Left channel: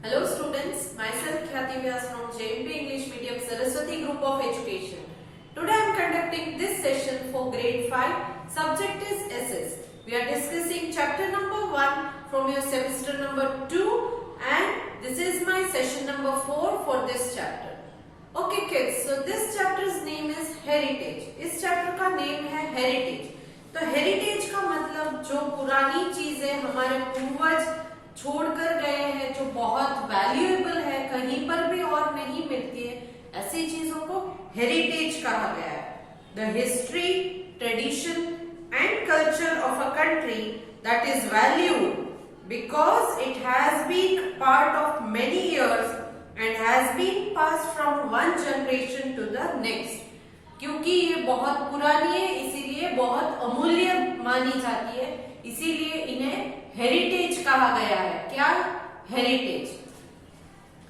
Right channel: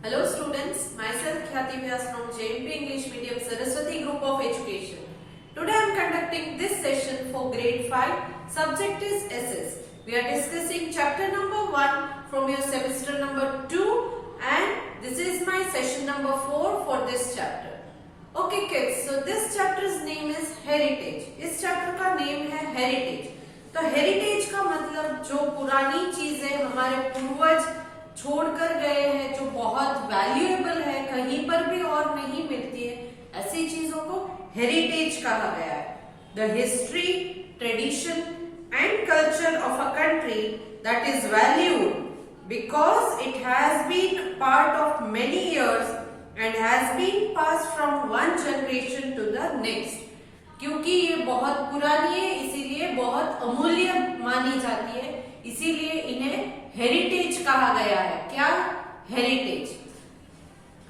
Hello students, myself Khyati Vyas from JMP English Medium Saraswati Group of Education. Today I am conducting this session for grade 5. Subject is SS. We are discussing chapter number 1 from your semester number 2 and this is my session number 4 for this chapter. Okay kids, so this chapter's name is Heritage. इस chapter का name है Heritage. तो heritage का मतलब जो पुरानी चीजें हमारे पूर्वज छोड़कर गए हैं, जो बहुत वैल्यूएबल है, कहीं पर भी और नहीं मिलती है, ऐसी चीजों को हेरिटेज कहा गया है. The history, tradition and culture of a country that is valued because it has been part of many years and has been passed from one generation to the next. क्योंकि ये बहुत पुरानी है, इसीलिए बहुत अमूल्य मानी जाती है, इसीलिए इन्हें हेरिटेज कहा गया है. क्या? हेरिटेज.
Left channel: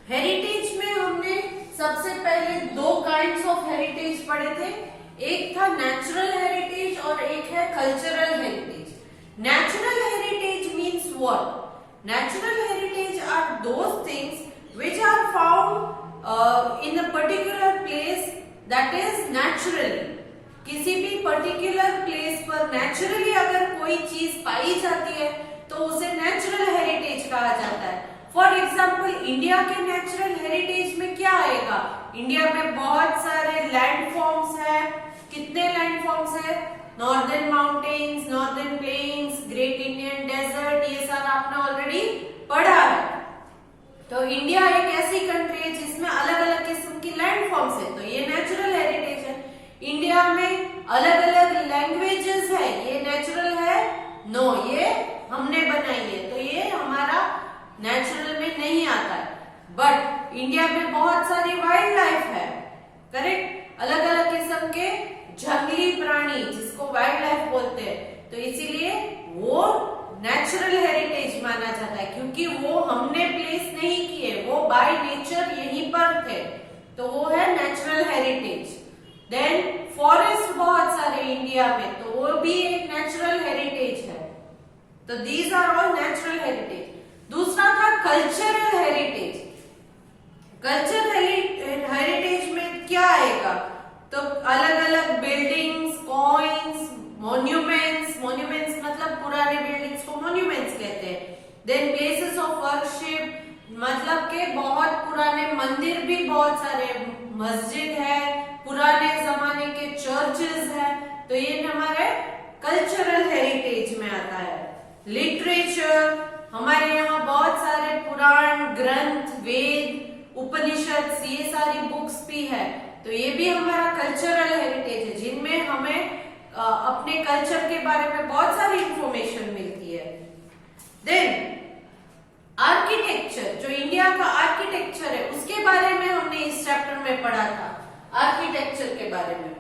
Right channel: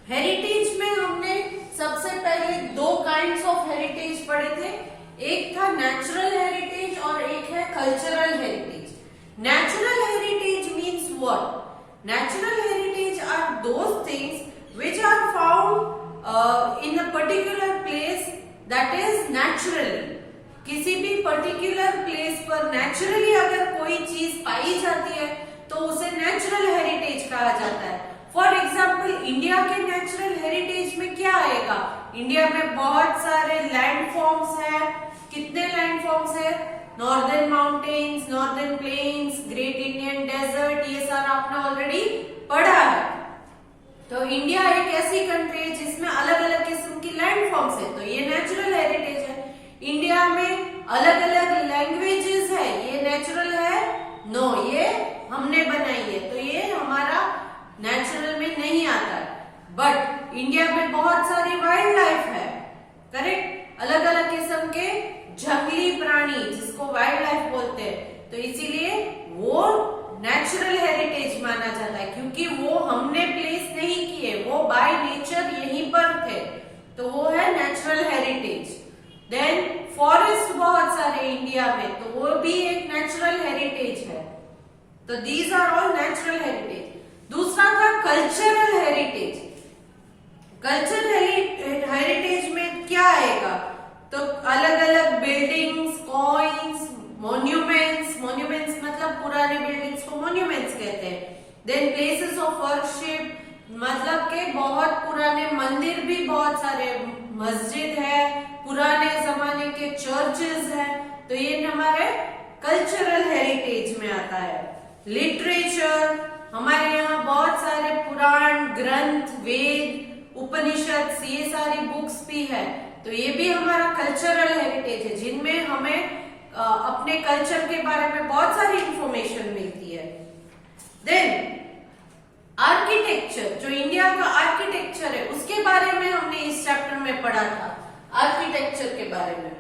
हेरिटेज में हमने सबसे पहले दो काइंड्स ऑफ हेरिटेज पढ़े थे. एक था नेचुरल हेरिटेज और एक है cultural heritage. Natural heritage means what? Natural heritage are those things which are found in a particular place that is naturally. किसी भी पर्टिकुलर प्लेस पर नेचुरली अगर कोई चीज पाई जाती है तो उसे नेचुरल हेरिटेज कहा जाता है. फॉर एग्जाम्पल इंडिया के नेचुरल हेरिटेज में क्या आएगा? इंडिया में बहुत सारे लैंड फॉर्म्स है. कितने लैंड फॉर्म्स है? Northern mountains, northern plains, great Indian desert, ये सारा आपने ऑलरेडी पढ़ा है. तो इंडिया एक ऐसी कंट्री है जिसमें अलग अलग किस्म की लैंड फॉर्म्स है, तो ये नेचुरल हेरिटेज है. इंडिया में अलग अलग लैंग्वेजेस है, ये नेचुरल है? नो, ये हमने बनाई है, तो ये हमारा नेचुरल में नहीं आता है. बट इंडिया में बहुत सारी वाइल्ड लाइफ है, करेक्ट? अलग अलग किस्म के जंगली प्राणी जिसको वाइल्ड लाइफ बोलते हैं, तो इसीलिए वो नेचुरल हेरिटेज माना जाता है, क्योंकि वो हमने प्लेस नहीं किए, वो बाय नेचर यहीं पर थे, तो वो है नेचुरल हेरिटेज. देन फॉरेस्ट बहुत सारे इंडिया में, तो वो भी एक नेचुरल हेरिटेज है. तो these are all natural heritage. दूसरा था कल्चरल हेरिटेज. कल्चरल हेरिटेज में क्या आएगा? तो अलग अलग बिल्डिंग्स, कॉइन्स, मॉन्यूमेंट्स. मॉन्यूमेंट्स मतलब पुराने बिल्डिंग्स को मॉन्यूमेंट्स कहते हैं. देन प्लेसेस ऑफ वर्शिप, मतलब के बहुत पुराने मंदिर भी बहुत सारे, मस्जिद है, पुराने जमाने के चर्चेस है, तो ये हमारे कल्चरल हेरिटेज में आता है. लिटरेचर, हमारे यहाँ बहुत सारे पुराण ग्रंथ, वेद, उपनिषद, ये सारी बुक्स भी है, तो ये भी हमारा कल्चरल हेरिटेज है, जिनमें हमें अपने कल्चर के बारे में बहुत सारी इंफॉर्मेशन मिलती है. देन आर्किटेक्चर, जो इंडिया का आर्किटेक्चर है उसके बारे में हमने इस चैप्टर में पढ़ा था. आर्किटेक्चर के बारे में,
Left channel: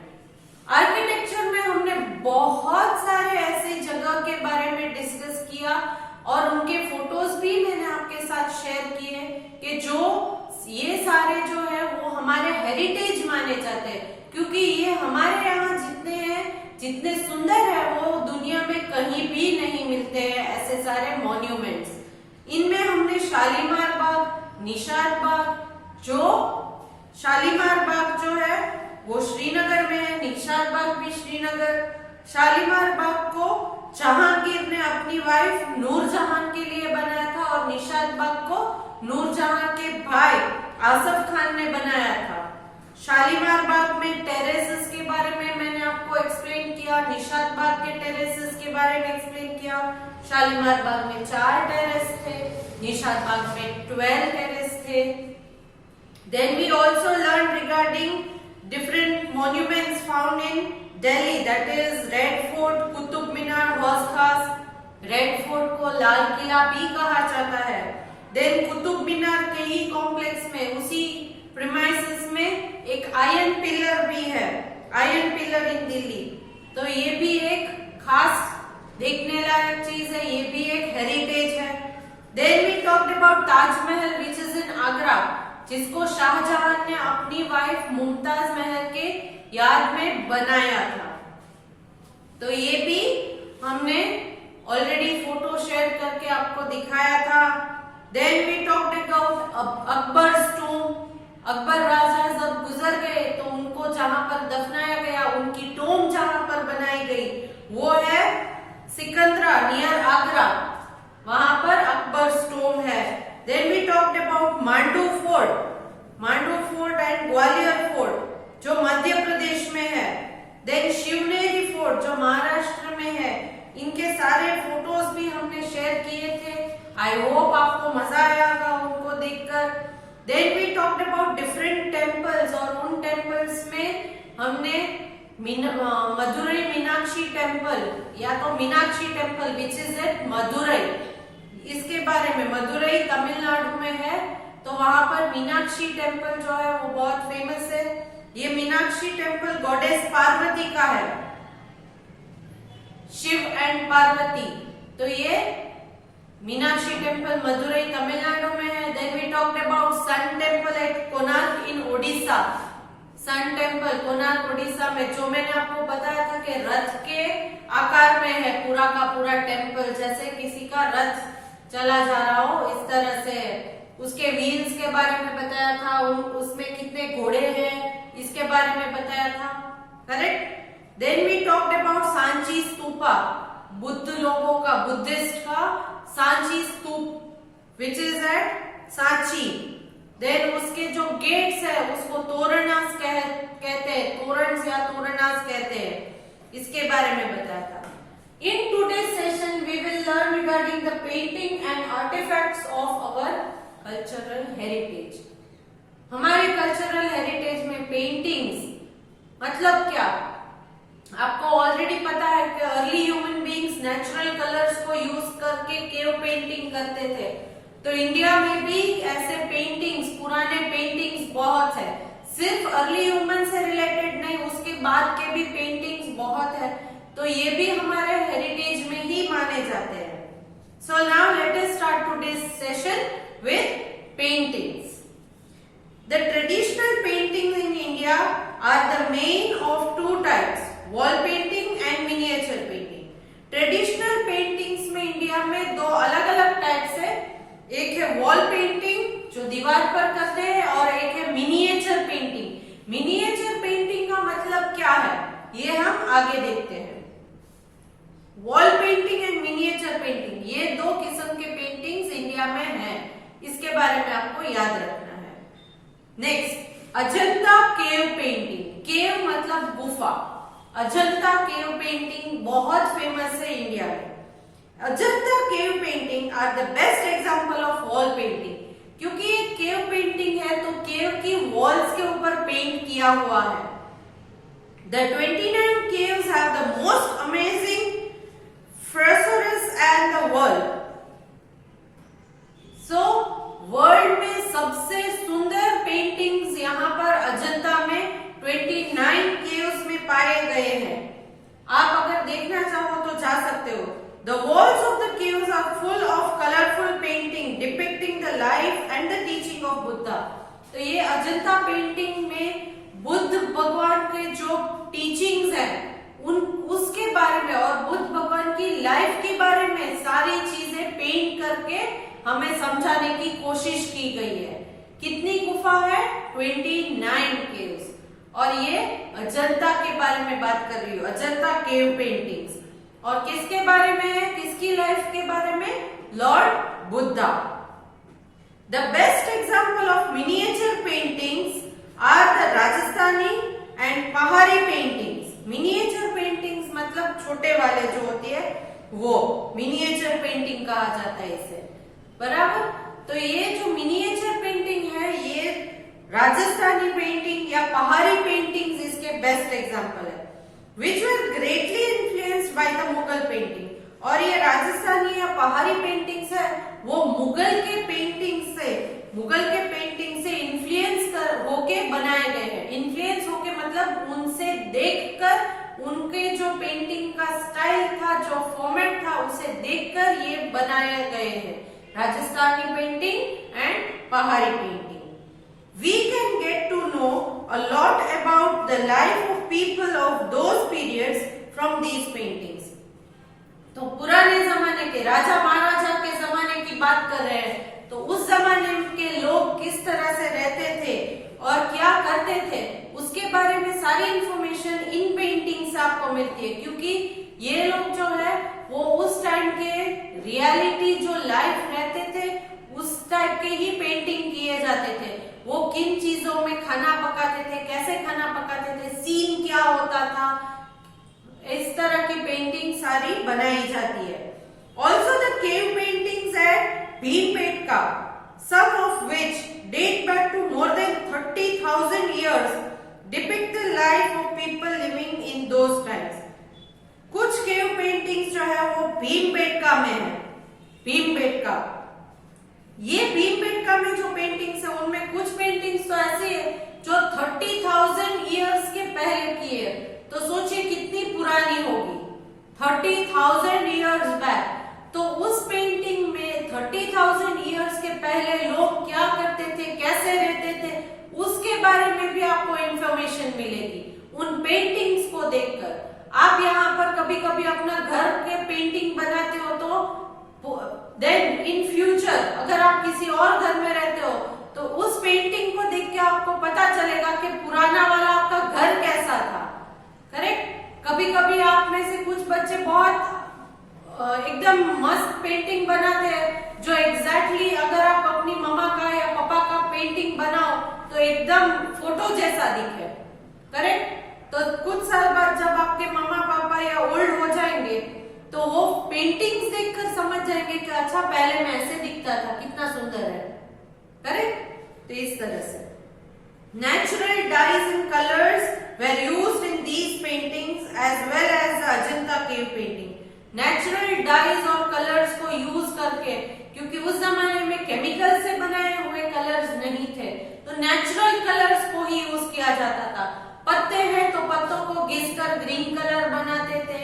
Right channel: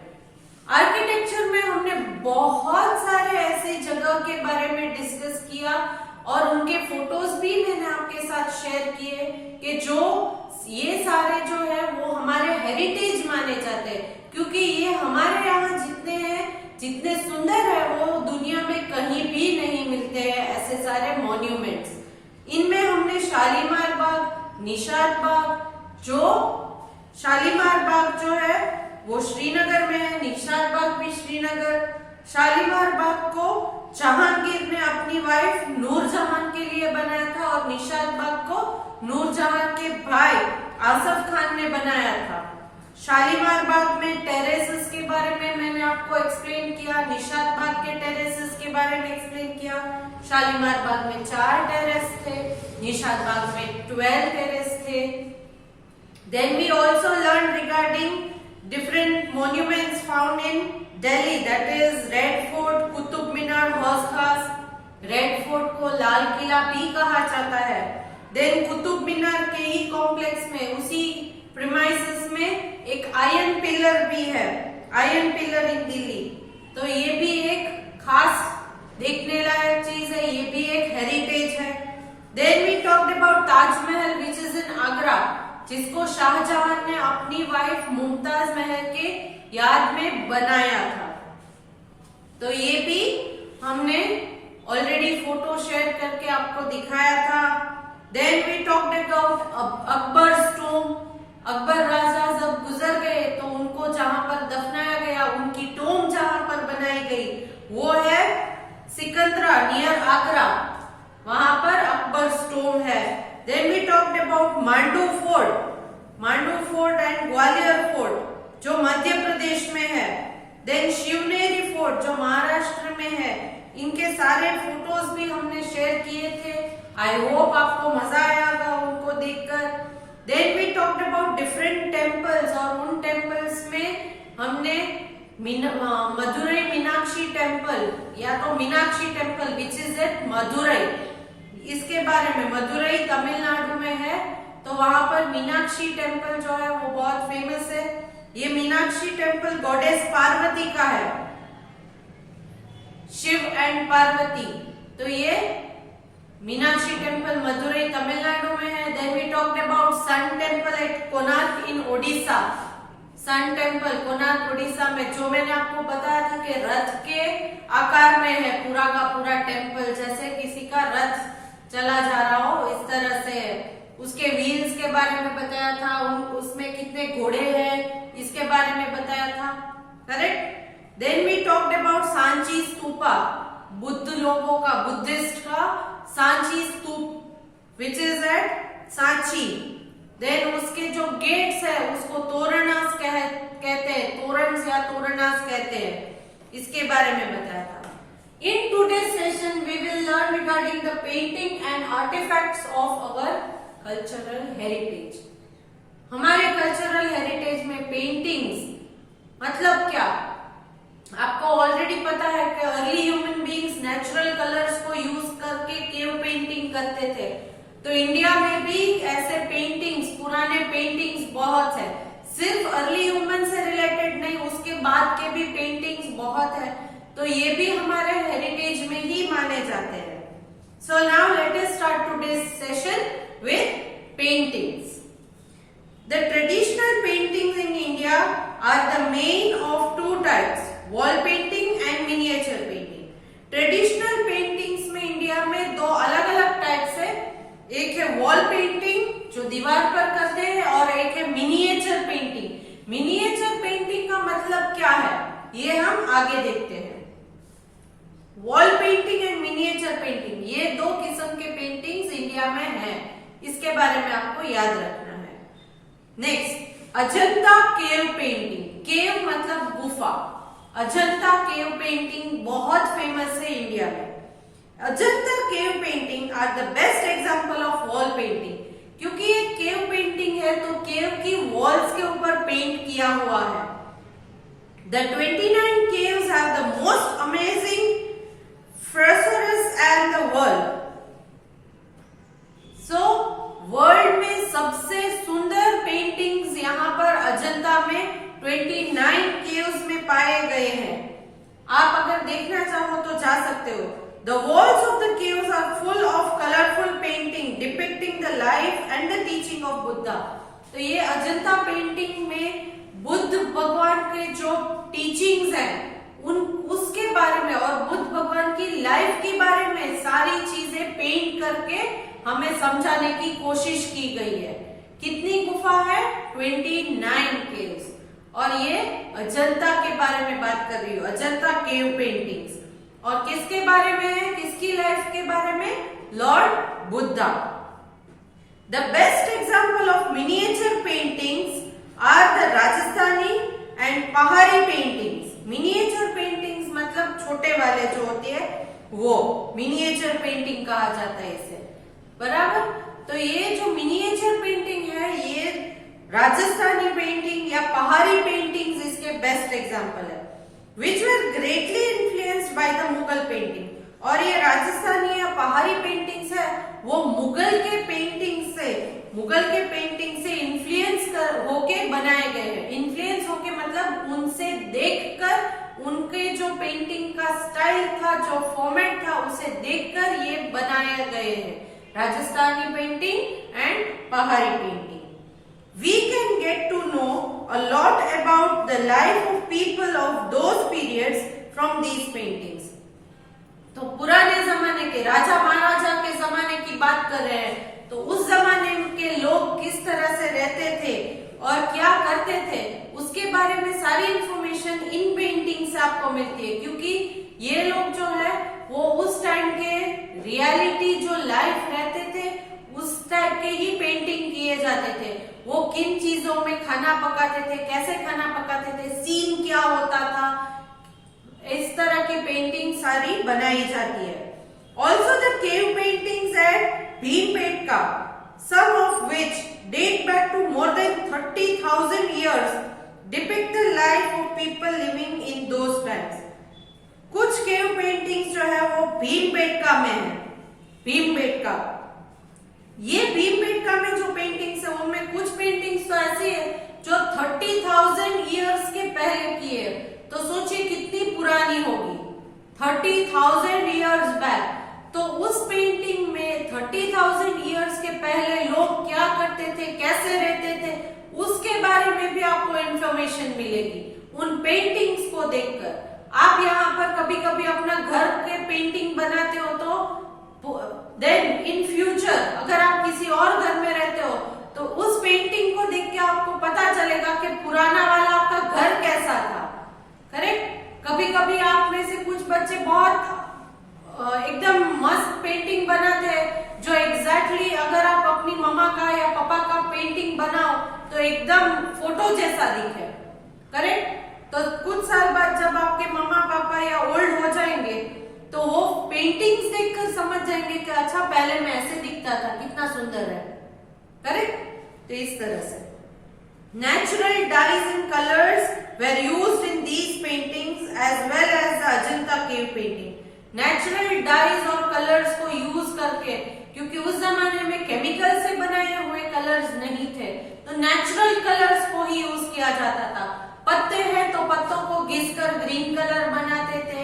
आर्किटेक्चर में हमने बहुत सारे ऐसे जगह के बारे में डिस्कस किया और उनके फोटोज भी मैंने आपके साथ शेयर किए कि जो ये सारे जो है वो हमारे हेरिटेज माने जाते हैं, क्योंकि ये हमारे यहाँ जितने हैं, जितने सुंदर है, वो दुनिया में कहीं भी नहीं मिलते हैं ऐसे सारे मॉन्यूमेंट्स. इनमें हमने शालीमार बाग, निशात बाग, जो शालीमार बाग जो है वो श्रीनगर में है, निशात बाग भी श्रीनगर. शालीमार बाग को जहांगीर ने अपनी वाइफ नूरजहां के लिए बनाया था और निशात बाग को नूरजहां के भाई आसफ खान ने बनाया था. शालीमार बाग में टेरेसेस के बारे में मैंने आपको एक्सप्लेन किया, निशात बाग के टेरेसेस के बारे में एक्सप्लेन किया. शालीमार बाग में 4 टेरेस थे, निशात बाग में 12 टेरेस थे. Then we also learned regarding different monuments found in Delhi, that is Red Fort, Qutub Minar, Hauz Khas. Red Fort को लाल किला भी कहा जाता है. Then कुतुब मीनार के ही कॉम्प्लेक्स में, उसी प्रीमाइसेस में एक आयरन पिलर भी है, आयरन पिलर इन दिल्ली. तो ये भी एक खास देखने लायक चीज है, ये भी एक हेरिटेज है. Then we talked about Taj Mahal which is in Agra, जिसको शाहजहां ने अपनी वाइफ मुमताज महल के याद में बनाया था. तो ये भी हमने ऑलरेडी फोटो शेयर करके आपको दिखाया था. Then we talked about Akbar's tomb. Akbar राजा जब गुजर गए तो उनको जहां पर दफनाया गया, उनकी टॉम्ब जहां पर बनाई गई वो है सिकंदरा नियर आगरा, वहां पर अकबर्स टॉम्ब है। Then we talked about Mandu fort and Gwalior fort जो मध्य प्रदेश में है। देन शिवनेरी फोर्ट जो महाराष्ट्र में है। इनके सारे फोटोज भी हमने शेयर किए थे। आई होप आपको मजा आया होगा उनको देखकर। Then we talked about different temples और उन टेम्पल्स में हमने मदुरई मीनाक्षी टेम्पल या तो Meenakshi temple which is at Madurai, इसके बारे में, मदुरई तमिलनाडु में है तो वहां पर मीनाक्षी टेम्पल जो है वो बहुत फेमस है। ये मीनाक्षी टेम्पल गॉडेस पार्वती का है, शिव एंड पार्वती। तो ये मीनाक्षी टेम्पल मदुरई तमिलनाडु में है। Then we talked about sun temple at Konark in Odisha. Sun temple Konark Odisha में, जो मैंने आपको बताया था कि रथ के आकार में है पूरा का पूरा टेम्पल, जैसे किसी का रथ चला जा रहा हो इस तरह से। उसके व्हील्स के बारे में बताया था, उसमें कितने घोड़े हैं इसके बारे में बताया था, correct. Then we talked about Sanchi Stupa, Buddha लोगों का, बुद्धिस्ट का Sanchi stupa which is at Sanchi. Then उसके जो गेट्स है उसको तोरणास कहते हैं, तोरणस या तोरणास कहते हैं, इसके बारे में बताया था। In today's session, we will learn regarding the painting and artifacts of our cultural heritage. हमारे कल्चरल हेरिटेज में पेंटिंग्स मतलब क्या? आपको ऑलरेडी पता है कि early human beings natural colours को यूज करके केव पेंटिंग करते थे। तो इंडिया में भी ऐसे पेंटिंग्स, पुराने पेंटिंग्स बहुत है। सिर्फ अर्ली ह्यूमन से रिलेटेड नहीं, उसके बाद के भी पेंटिंग्स बहुत है। तो ये भी हमारे हेरिटेज में ही माने जाते हैं। So now let us start today's session with paintings. The traditional paintings in India are the main of two types, wall painting and miniature painting. Traditional paintings में इंडिया में दो अलग अलग टाइप्स है। एक है वॉल पेंटिंग जो दीवार पर करते हैं और एक है मिनिएचर पेंटिंग। मिनिएचर पेंटिंग का मतलब क्या है ये हम आगे देखते हैं। Wall painting and miniature painting, ये दो किस्म के पेंटिंग्स इंडिया में हैं, इसके बारे में आपको याद रखना है। Next, Ajanta cave painting. Cave मतलब गुफा। अजंता केव पेंटिंग बहुत फेमस है इंडिया में। Ajanta cave painting are the best example of wall painting, क्योंकि ये केव पेंटिंग है तो केव की वॉल्स के ऊपर पेंट किया हुआ है। The 29 caves have the most amazing treasures and the world. So, world में सबसे सुंदर पेंटिंग्स यहाँ पर अजंता में 29 केव्स में पाए गए हैं। आप अगर देखना चाहो तो जा सकते हो। The walls of the caves are full of colorful painting depicting the life and the teaching of Buddha. तो ये अजंता पेंटिंग में बुद्ध भगवान के जो टीचिंग्स हैं उसके बारे में और बुद्ध भगवान की लाइफ के बारे में सारी चीजें पेंट करके हमें समझाने की कोशिश की गई है। कितनी गुफा है? 29 केव्स। और ये अजंता के बारे में बात कर रही हूँ, अजंता केव पेंटिंग्स। और किसके बारे में है, किसकी लाइफ के बारे में? Lord Buddha. The best example of miniature paintings are the Rajasthani and Pahari paintings. Miniature paintings मतलब छोटे वाले जो होते हैं वो मिनिएचर पेंटिंग कहा जाता है इसे, बराबर। तो ये जो मिनिएचर पेंटिंग है ये राजस्थानी पेंटिंग या पहाड़ी पेंटिंग्स इसके बेस्ट एग्जाम्पल है, which were greatly influenced by the Mughal painting. और ये राजस्थानी या पहाड़ी पेंटिंग्स है वो मुगल के पेंटिंग से इन्फ्लुएंस होके बनाए गए हैं। इन्फ्लुएंस होके मतलब उनसे देखकर उनके जो पेंटिंग का स्टाइल था, जो फॉर्मेट था, उसे देखकर ये बनाए गए हैं, राजस्थानी पेंटिंग एंड पहाड़ी painting. We can get to know a lot about the life of people of those periods from these paintings. तो पुराने जमाने के राजा महाराजा के जमाने की बात कर रहे हैं तो उस जमाने के लोग किस तरह से रहते थे और क्या करते थे उसके बारे में सारी इंफॉर्मेशन इन पेंटिंग से आपको मिलती है, क्योंकि ये लोग जो है वो उस टाइम के रियलिटी जो लाइफ रहते थे उस टाइप के ही पेंटिंग किए जाते थे। वो किन चीजों में खाना पकाते थे, कैसे खाना पकाते थे, सीन क्या होता था, इस तरह की पेंटिंग सारी बनाई जाती है। Also the cave paintings at Bhimbetka, some of which date back to more than 30,000 years, depict the life of people living in those times. कुछ केव पेंटिंग्स जो है वो भीमबेटका में है। भीमबेटका, ये भीमबेटका में जो पेंटिंग्स है उनमें कुछ पेंटिंग्स तो ऐसी है जो 30,000 ईयर्स के पहले की है। तो सोचिए कितनी पुरानी होगी, 30,000 ईयर्स बैक। तो उस पेंटिंग में 30,000 ईयर्स के पहले लोग क्या करते थे, कैसे रहते थे, उसके बारे में भी आपको इंफॉर्मेशन मिलेगी उन पेंटिंग्स को देखकर। आप यहाँ पर कभी कभी अपना घर के पेंटिंग बनाते हो तो देन इन फ्यूचर अगर आप किसी और घर में रहते हो तो उस पेंटिंग को देख के आपको पता चलेगा कि पुराना वाला आपका घर कैसा था। करेक्ट। कभी कभी आप में से कुछ बच्चे बहुत एकदम मस्त पेंटिंग बनाते हैं जो एग्जैक्टली अगर आप अपनी मम्मा का या पापा का पेंटिंग बनाओ तो एकदम फोटो जैसा दिखे। करेक्ट। तो कुछ साल बाद जब आपके मम्मा पापा या ओल्ड हो जाएंगे तो वो पेंटिंग्स देखकर समझ जाएंगे कि अच्छा पहले मैं ऐसे दिखता था, कितना सुंदर है। करेक्ट। तो इस तरह से natural dyes and colours were used in these paintings as well as the Ajanta cave painting. Natural dyes और कलर्स को यूज करके, क्योंकि उस जमाने में केमिकल से बनाए हुए कलर्स नहीं थे तो नेचुरल कलर्स को ही यूज किया जाता था। पत्ते हैं तो पत्तों को घिसकर ग्रीन कलर बनाते थे,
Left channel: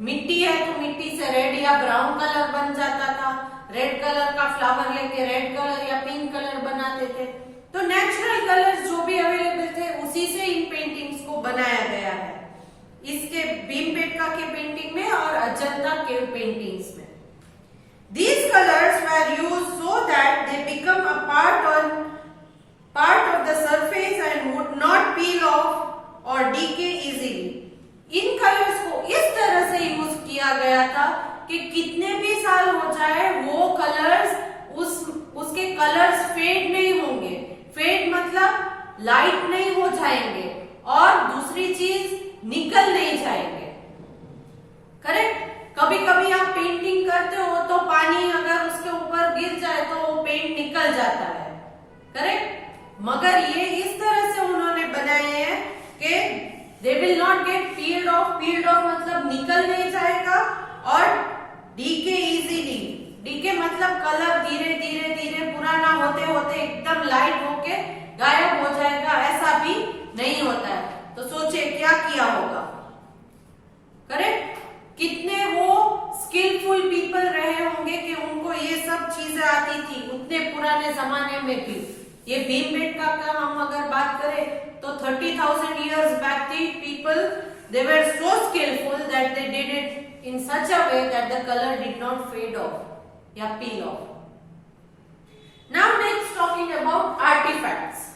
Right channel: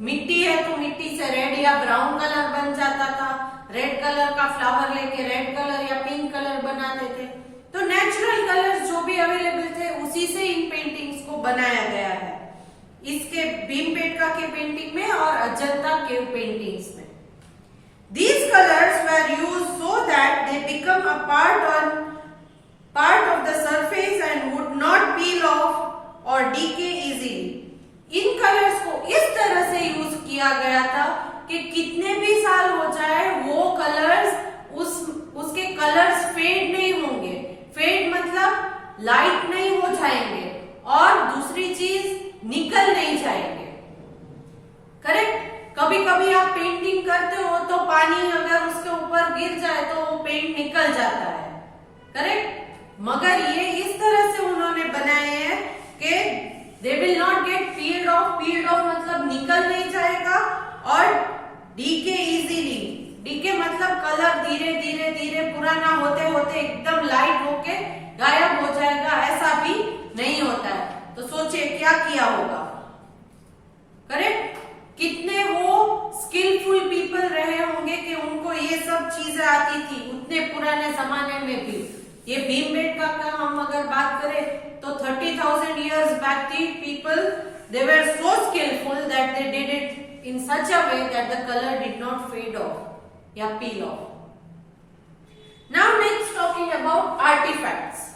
मिट्टी है तो मिट्टी से रेड या ब्राउन कलर बन जाता था, रेड कलर का फ्लावर लेके रेड कलर या पिंक कलर बनाते थे। तो नेचुरल कलर्स जो भी अवेलेबल थे उसी से इन पेंटिंग्स को बनाया गया है, इसके भीमबेटका के पेंटिंग में और अजंता केव पेंटिंग्स में। These colors were used so that they become a part of the surface and would not peel off or decay easily. In colours को इस तरह से यूज किया गया था कि कितने भी साल हो जाए वो कलर्स उसके कलर्स फेड नहीं होंगे। फेड मतलब लाइट नहीं हो जाएंगे और दूसरी चीज निकल नहीं जाएंगे। करेक्ट। कभी कभी आप पेंटिंग करते हो तो पानी अगर उसके ऊपर गिर जाए तो वो पेंट निकल जाता है। करेक्ट। मगर ये इस तरह से उन्होंने बनाए हैं कि they will not gate peeled of. Peeled of मतलब निकल नहीं जाएगा और डीके इजीली। डीके मतलब कलर धीरे धीरे धीरे पुराना होते होते एकदम लाइट होके गायब हो जाएगा, ऐसा भी नहीं होता है। तो सोचिए क्या किया होगा। करेक्ट। कितने वो स्किलफुल पीपल रहे होंगे कि उनको ये सब चीजें आती थी उतने पुराने जमाने में भी। ये भीमबेटका का हम अगर बात करें तो 30,000 years back the people they were so skillful that they did it in such a way that the color did not fade off या peel off. Now next talking about artifacts.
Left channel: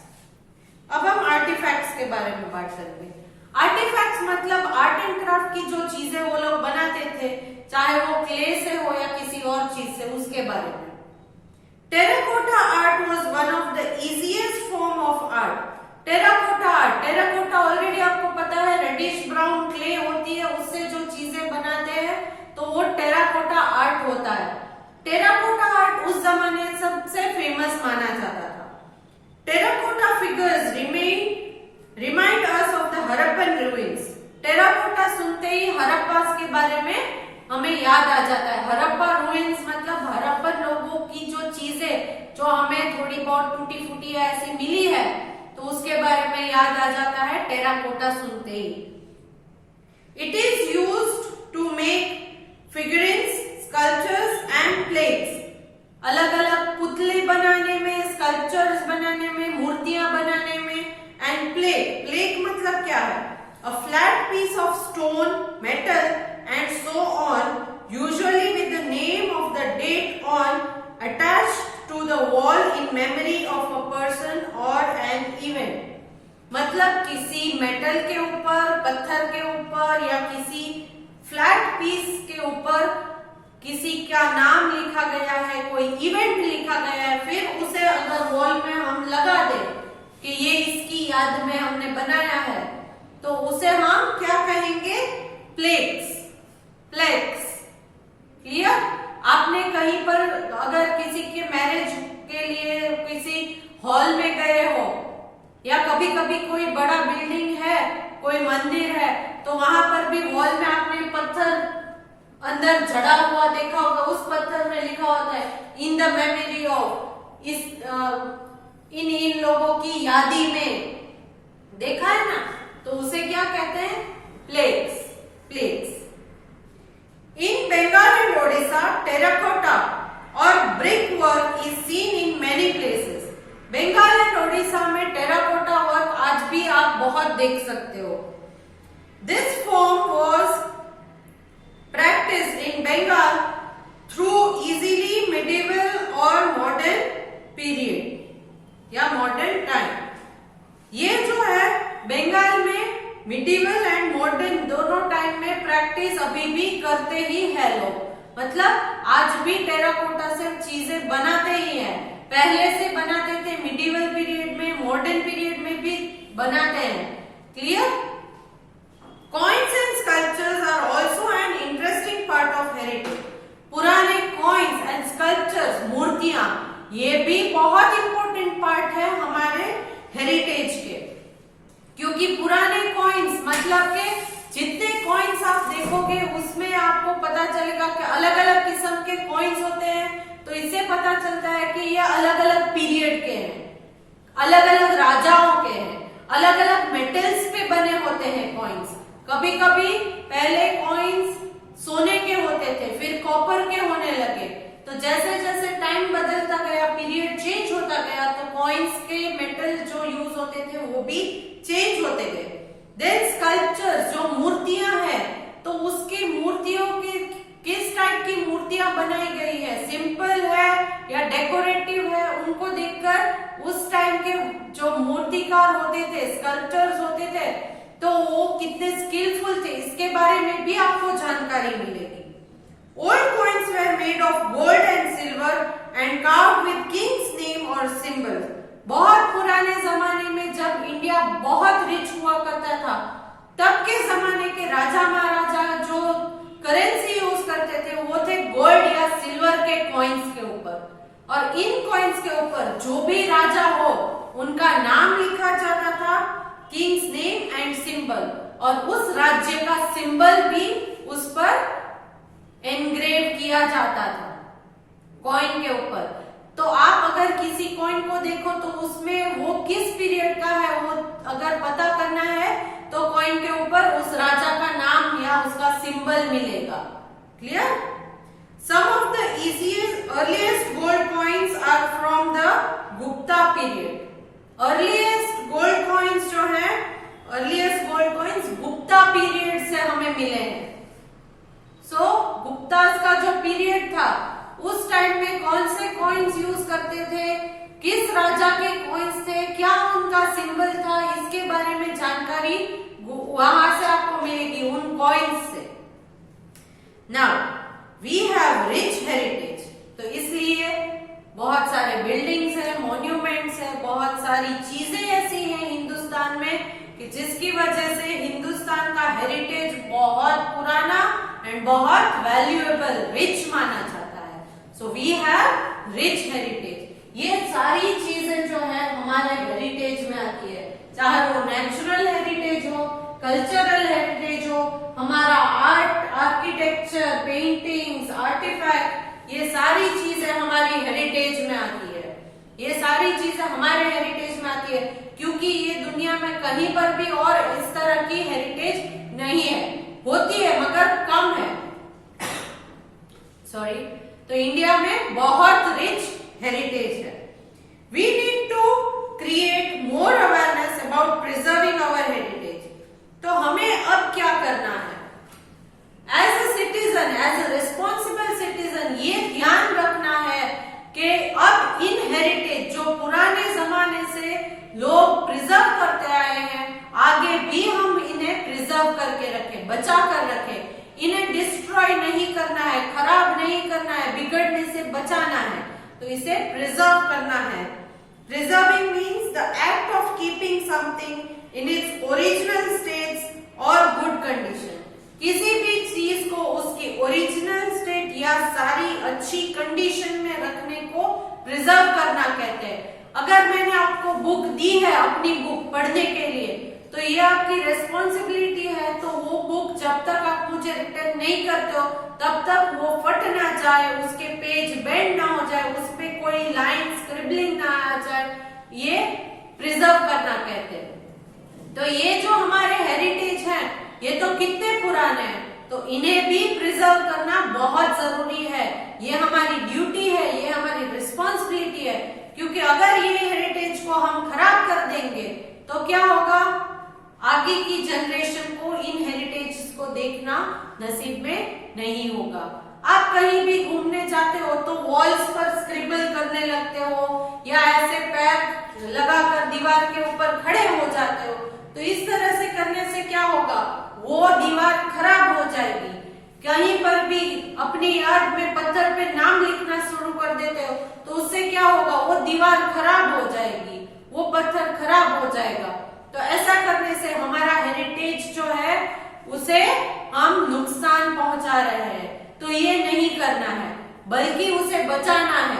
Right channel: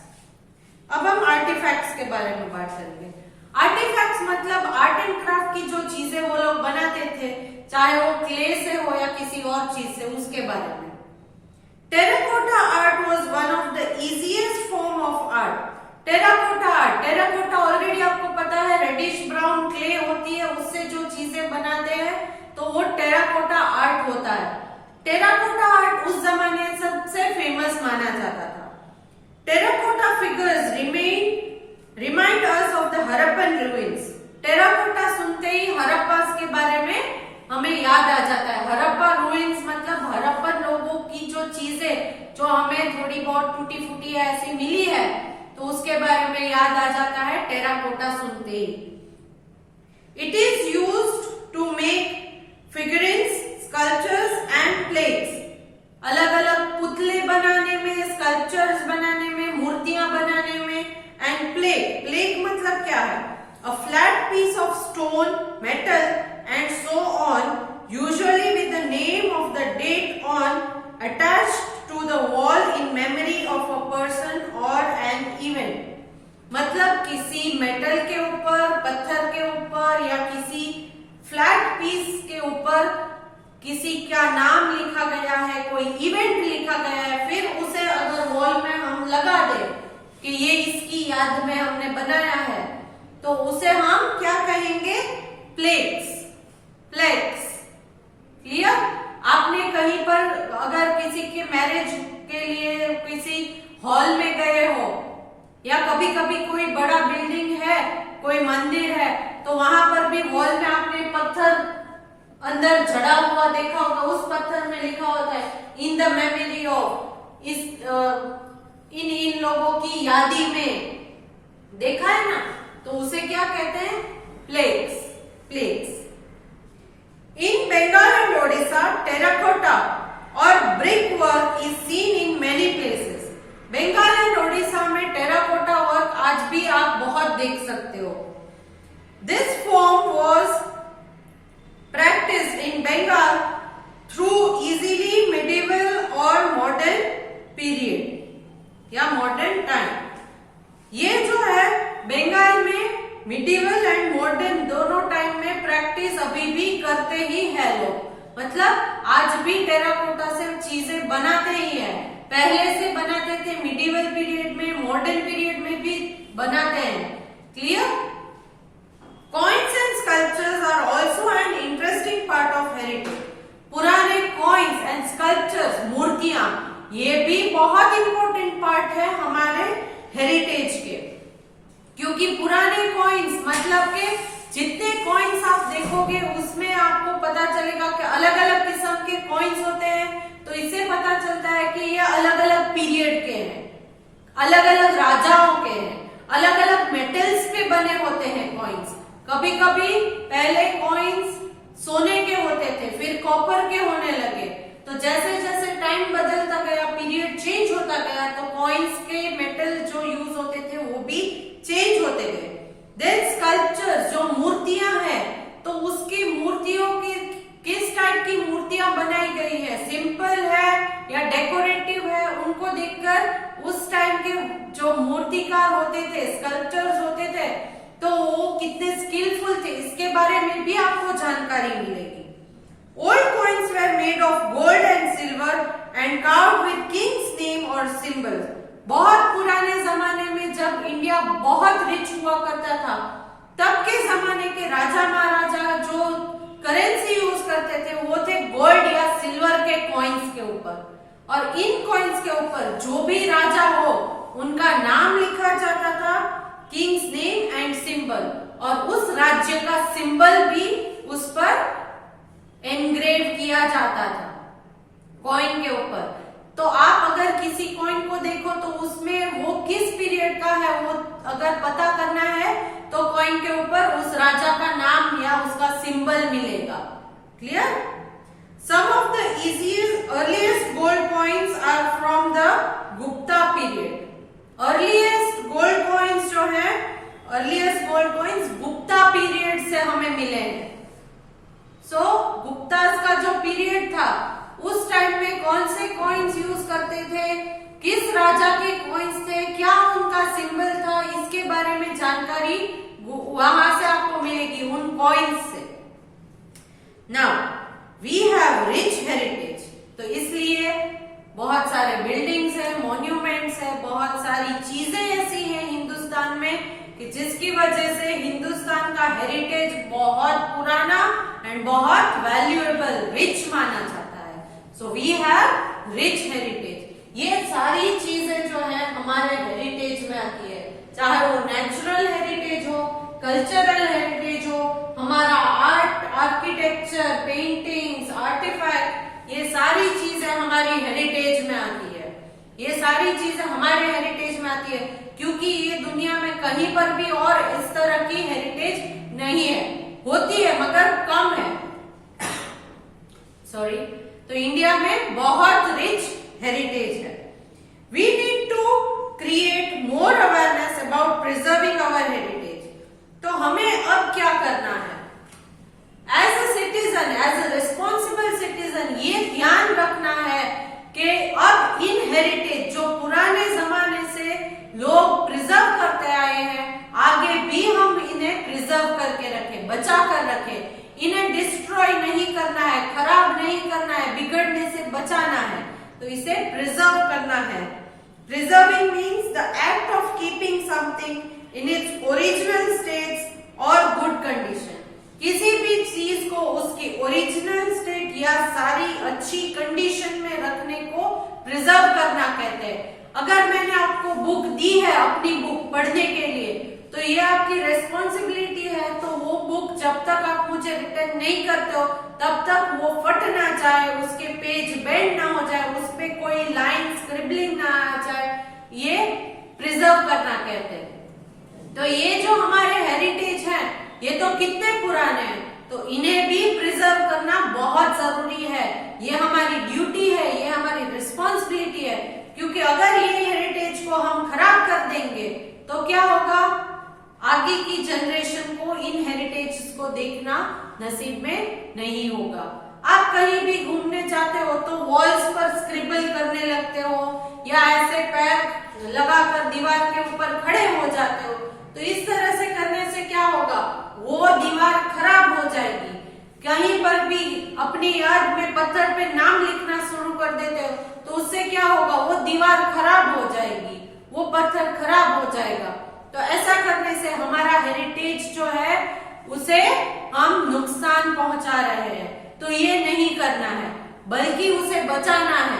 अब हम आर्टिफैक्ट्स के बारे में बात करेंगे। Artefacts मतलब art and craft की जो चीजें वो लोग बनाते थे, चाहे वो क्ले से हो या किसी और चीज से, उसके बारे में। Terracotta art was one of the easiest form of art. Terracotta art, terracotta already आपको पता है रेडिश ब्राउन क्ले होती है, उससे जो चीजें बनाते हैं तो वो टेराकोटा आर्ट होता है। टेराकोटा आर्ट उस जमाने सबसे फेमस माना जाता था। Terracotta figures remind us of the Harappan ruins. Terracotta सुनते ही हड़प्पा के बारे में हमें याद आ जाता है। हड़प्पा रूइंस मतलब हड़प्पन लोगों की जो चीजें जो हमें थोड़ी बहुत टूटी फूटी ऐसी मिली है तो उसके बारे में याद आ जाता है टेराकोटा सुनते ही। It is used to make figurines, sculptures and plates. अलग अलग पुतले बनाने में, स्कल्पचर्स बनाने में, मूर्तियां बनाने में। एंड प्लेट, प्लेट मतलब क्या है? A flat piece of stone, metal and so on, usually with the name of the date on attached to the wall in memory of a person or an event. मतलब किसी metal के ऊपर, पत्थर के ऊपर या किसी फ्लैट पीस के ऊपर किसी का नाम लिखा गया है, कोई इवेंट लिखा गया है, फिर उसे अगर वॉल में हम लगा दें कि ये इसकी याद में हमने बनाया है, तो उसे हम क्या कहेंगे? प्लेक्स। Plaques clear? आपने कहीं पर अगर किसी के मैरिज के लिए किसी हॉल में गए हो या कभी कभी कोई बड़ा बिल्डिंग है, कोई मंदिर है, तो वहां पर भी वॉल में आपने पत्थर अंदर जड़ा हुआ देखा होगा, उस पत्थर में लिखा होता है इन द मेमोरी ऑफ, इस इन लोगों की यादी में, देखा है ना? तो उसे क्या कहते हैं? Plaques. Plaques. In Bengal and Odisha, terracotta or brickwork is seen in many places. Bengal and Odisha में टेराकोटा वर्क आज भी आप बहुत देख सकते हो। This form was practiced in Bengal through easily medieval or modern period या modern time। ये जो है बंगाल में मिडिवल एंड मॉडर्न दोनों टाइम में प्रैक्टिस अभी भी करते ही है लोग, मतलब आज भी टेराकोटा से चीजें बनाते ही हैं। पहले से बनाते थे, मिडिवल पीरियड में, मॉडर्न पीरियड में भी बनाते हैं। Clear? Coins and sculptures are also an interesting part of heritage. पुराने कॉइन्स एंड स्कल्पचर्स, मूर्तियां, ये भी बहुत इंपॉर्टेंट पार्ट है हमारे हेरिटेज के, क्योंकि पुराने कॉइन्स मतलब के जितने कॉइन्स आप देखोगे उसमें आपको पता चलेगा कि अलग अलग किस्म के कॉइन्स होते हैं, तो इससे पता चलता है कि ये अलग अलग पीरियड के हैं, अलग अलग राजाओं के हैं, अलग अलग मेटल्स पे बने होते हैं कॉइन्स। कभी कभी पहले कॉइन्स सोने के होते थे, फिर कॉपर के होने लगे, तो जैसे जैसे टाइम बदलता गया, पीरियड चेंज होता गया, तो कॉइन्स के मेटल जो यूज होते थे वो भी चेंज होते गए। देन स्कल्पचर्स, जो मूर्तियां हैं, तो उसकी मूर्तियों की किस टाइप की मूर्तियां बनाई गई है, सिंपल है या डेकोरेटिव है, उनको देखकर उस टाइम के जो मूर्तिकार होते थे, स्कल्पचर्स होते थे, तो वो कितने स्किलफुल थे, इसके बारे में भी आपको जानकारी मिलेगी। Old coins were made of gold and silver and carved with king's name or symbol। बहुत पुराने जमाने में जब इंडिया बहुत रिच हुआ करता था, तब के जमाने के राजा महाराजा जो करेंसी यूज करते थे वो थे गोल्ड या सिल्वर के कॉइन्स के ऊपर, और इन कॉइन्स के ऊपर जो भी राजा हो उनका नाम लिखा जाता था, किंग्स नेम एंड सिंबल, और उस राज्य का सिंबल भी उस पर एनग्रेव किया जाता था कॉइन के ऊपर। तो आप अगर किसी कॉइन को देखो तो उसमें वो किस पीरियड का है वो अगर पता करना है तो कॉइन के ऊपर उस राजा का नाम या उसका सिंबल मिलेगा। Clear? Some of the easiest earliest gold coins are from the Gupta period. Earliest gold coins जो है, earliest gold coins Gupta period से हमें मिले हैं। सो गुप्तास का जो पीरियड था उस टाइम में कौन से कॉइन्स यूज करते थे, किस राजा के कॉइन्स थे, क्या उनका सिंबल था, इसके बारे में जानकारी वहां से आपको मिलेगी उन कॉइन्स से। Now we have rich heritage, तो इसलिए बहुत सारे बिल्डिंग्स है, मॉन्यूमेंट्स है, बहुत सारी चीजें ऐसी हैं हिंदुस्तान में कि जिसकी वजह से हिंदुस्तान का हेरिटेज बहुत पुराना एंड बहुत वैल्यूएबल, रिच माना जाता है। So we have rich heritage. ये सारी चीजें जो है हमारे हेरिटेज में आती है, चाहे वो नेचुरल हेरिटेज हो, कल्चरल हेरिटेज हो, हमारा आर्ट, आर्किटेक्चर, पेंटिंग्स, आर्टिफैक्ट, ये सारी चीजें हमारी हेरिटेज में आती है। ये सारी चीजें हमारे हेरिटेज में आती है क्योंकि ये दुनिया में कहीं पर भी और इस तरह की हेरिटेज नहीं है, होती है मगर कम है। सॉरी, तो इंडिया में बहुत रिच हेरिटेज है। We need to create more awareness about preserving our heritage. तो हमें अब क्या करना है? As a citizen, as a responsible citizen, ये ध्यान रखना है कि अब इन हेरिटेज जो पुराने जमाने से लोग प्रिजर्व करते आए हैं, आगे भी हम इन्हें प्रिजर्व करके रखें, बचा कर रखें। इन्हें डिस्ट्रॉय नहीं करना है, खराब नहीं करना है, बिगड़ने से बचाना है, तो इसे प्रिजर्व करना है। Preserving means the act of keeping something in its original states और गुड कंडीशन। किसी भी चीज को उसकी ओरिजिनल स्टेट या सारी अच्छी कंडीशन में रखने को प्रिजर्व करना कहते हैं। अगर मैंने आपको बुक दी है, अपनी बुक पढ़ने के लिए, तो ये आपकी रेस्पॉन्सिबिलिटी है, तो वो बुक जब तक आप मुझे रिटर्न नहीं करते हो तब तक वो फट ना जाए, उसके पेज बेंड ना हो जाए, उस पे कोई लाइन स्क्रिबलिंग ना आ जाए, ये प्रिजर्व करना कहते हैं। तो ये जो हमारे हेरिटेज हैं, ये तो कितने पुराने हैं, तो इन्हें भी प्रिजर्व करना बहुत जरूरी है। ये हमारी ड्यूटी है, ये हमारी रिस्पॉन्सिबिलिटी है, क्योंकि अगर ये हेरिटेज को हम खराब कर देंगे तो क्या होगा, आगे की जनरेशन को इन हेरिटेज को देखना नसीब में नहीं होगा। आप कहीं भी घूमने जाते हो तो वॉल्स पर स्क्रिबल करने लगते हो, या ऐसे पैर लगाकर दीवार के ऊपर खड़े हो जाते हो, तो इस तरह से करने से क्या होगा, वो दीवार खराब हो जाएगी। कहीं पर भी अपनी याद में पत्थर पे नाम लिखना शुरू कर देते हो, तो उससे क्या होगा, वो दीवार खराब हो जाएगी, वो पत्थर खराब हो जाएगा। तो ऐसा करने से हमारा हेरिटेज जो है उसे हम नुकसान पहुंचा रहे हैं, तो ये नहीं करना है, बल्कि उसे बचाना है।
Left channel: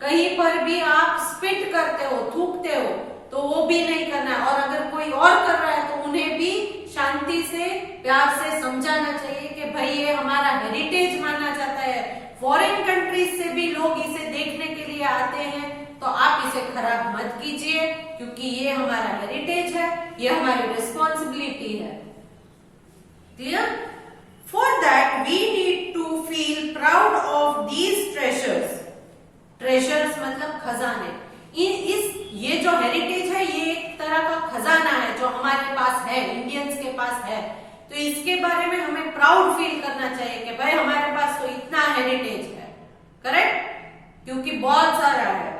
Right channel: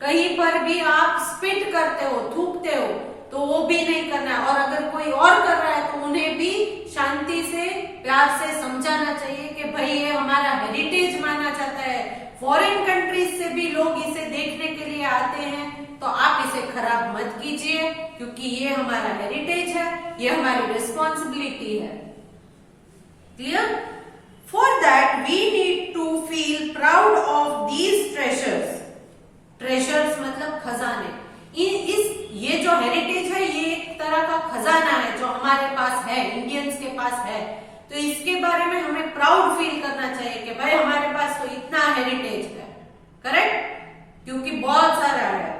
कहीं पर भी आप स्पिट करते हो, थूकते हो, तो वो भी नहीं करना है। और अगर कोई और कर रहा है तो उन्हें भी शांति से, प्यार से समझाना चाहिए कि भाई ये हमारा हेरिटेज माना जाता है, फॉरेन कंट्रीज से भी लोग इसे देखने के लिए आते हैं, तो आप इसे खराब मत कीजिए, क्योंकि ये हमारा हेरिटेज है, ये हमारी रिस्पॉन्सिबिलिटी है। Clear? For that we need to feel proud of these treasures. Treasures मतलब खजाने। ये जो हेरिटेज है, ये एक तरह का खजाना है जो हमारे पास है, इंडियंस के पास है, तो इसके बारे में हमें प्राउड फील करना चाहिए कि भाई हमारे पास तो इतना हेरिटेज है। करेक्ट? क्योंकि बहुत सारा है।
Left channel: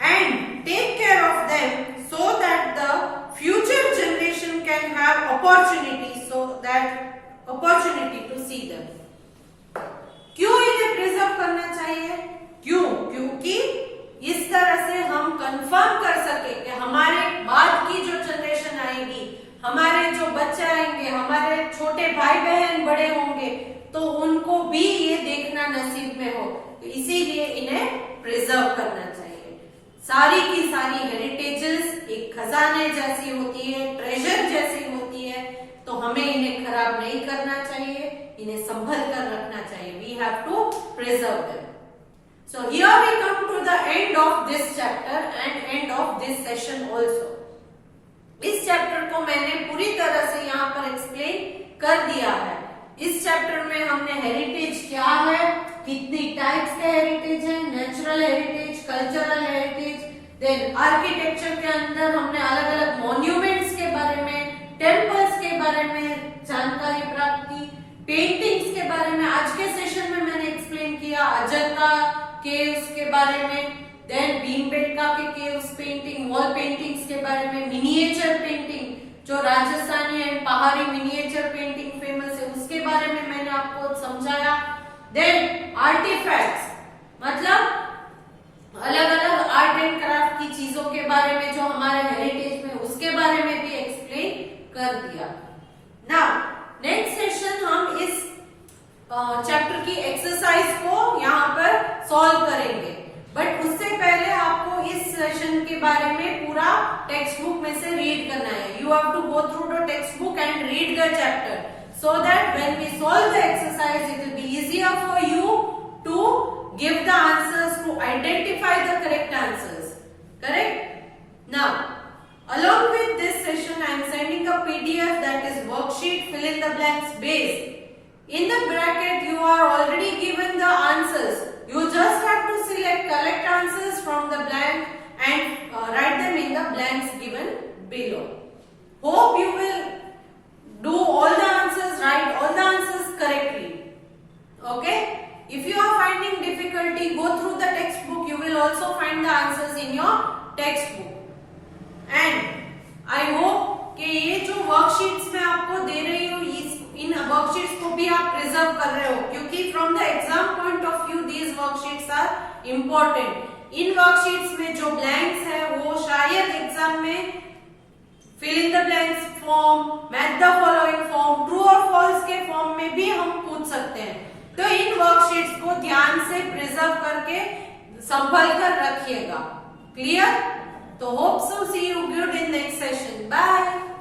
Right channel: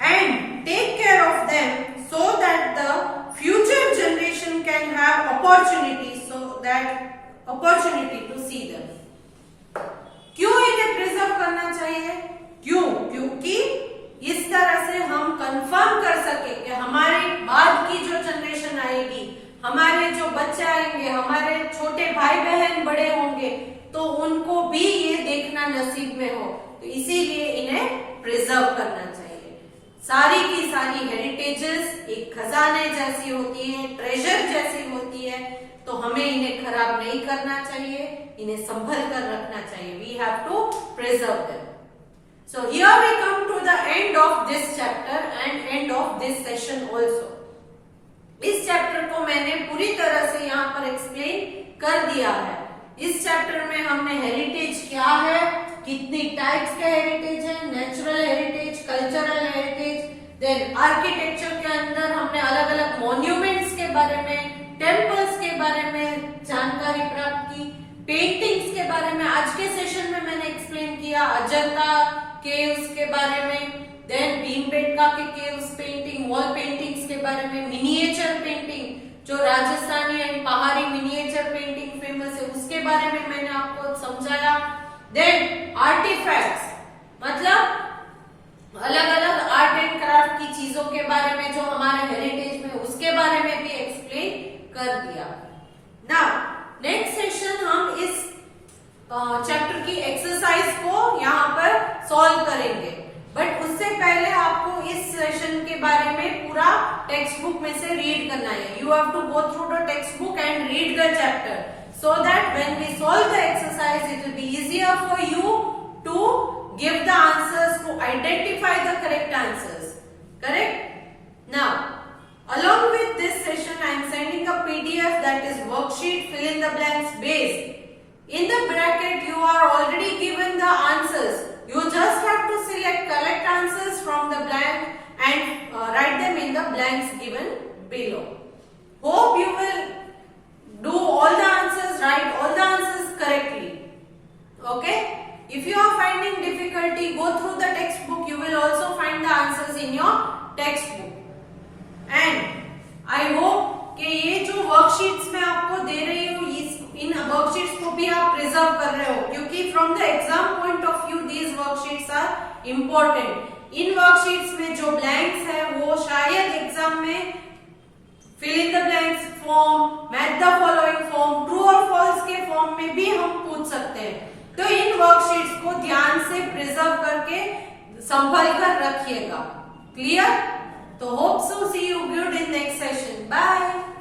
And take care of them so that the future generation can have opportunity to see them. क्यों इन्हें प्रिजर्व करना चाहिए? क्यों? क्योंकि इस तरह से हम कंफर्म कर सके कि हमारे बाद की जो जनरेशन आएगी, हमारे जो बच्चे आएंगे, हमारे छोटे भाई बहन बड़े होंगे, तो उनको भी ये देखना नसीब में हो। तो इसीलिए इन्हें प्रिजर्व करना चाहिए। सारी की सारी हेरिटेजेस एक खजाने जैसी होती है, ट्रेजर जैसी होती है, तो हमें इन्हें खराब नहीं करना चाहिए, इन्हें संभल कर रखना चाहिए। We have to preserve them. So here we come to the end of this chapter and end of this session also. इस चैप्टर को मैंने पूरी तरह से यहाँ पर एक्सप्लेन कर दिया है। इस चैप्टर में हमने हेरिटेज क्या है, कितनी टाइप्स के हेरिटेज है, natural heritage, cultural heritage, then architecture के अंदर हमने अलग अलग मॉन्यूमेंट्स के बारे में, टेम्पल्स के बारे में जानकारी प्राप्त की, पेंटिंग्स के बारे में आज के सेशन में मैंने एक्सप्लेन किया, अजंता केव्स के बारे में, देन भीमबेटका के केव्स पेंटिंग, वॉल पेंटिंग्स के बारे में, मिनिएचर पेंटिंग जो राजस्थानी एंड पहाड़ी मिनिएचर पेंटिंग फेमस है उसके बारे में मैंने आपको समझाया। देन आर्टिफैक्ट्स मतलब अलग अलग आर्ट एंड क्राफ्ट की चीजों के बारे में जो हमारे हेरिटेज में, उसके बारे में भी एक्सप्लेन कर दिया। नाउ नेक्स्ट सेशन हम इस चैप्टर की एक्सरसाइज को यहाँ पर सॉल्व करेंगे, बट उससे पहले आपको इस सेशन के बारे में पूरा टेक्स्ट बुक में से रीड करना है। You have to go through the text book and read the chapter so that when we solve the exercise it will be easier for you to give the answers, to identify the correct answers. Correct? Now along with this session I am sending a PDF that is worksheet fill in the blanks based. In the bracket you are already given the answers. You just have to select correct answers from the blank and write them in the blanks given below. Hope you will do all the answers, write all the answers correctly. Okay? If you are finding difficulty, go through the textbook. You will also find the answers in your textbook. And I hope कि ये जो worksheets मैं आपको दे रही हूँ, इन worksheets को भी आप प्रिजर्व कर रहे हो, क्योंकि from the exam point of view these worksheets are important. इन वर्कशीट्स में जो ब्लैंक्स है वो शायद एग्जाम में fill in the blanks form, match the following form, true और फॉल्स के फॉर्म में भी हम पूछ सकते हैं। तो इन वर्कशीट्स को ध्यान से प्रिजर्व करके संभल कर रखिएगा। क्लियर? तो hope so see you good in next session. Bye.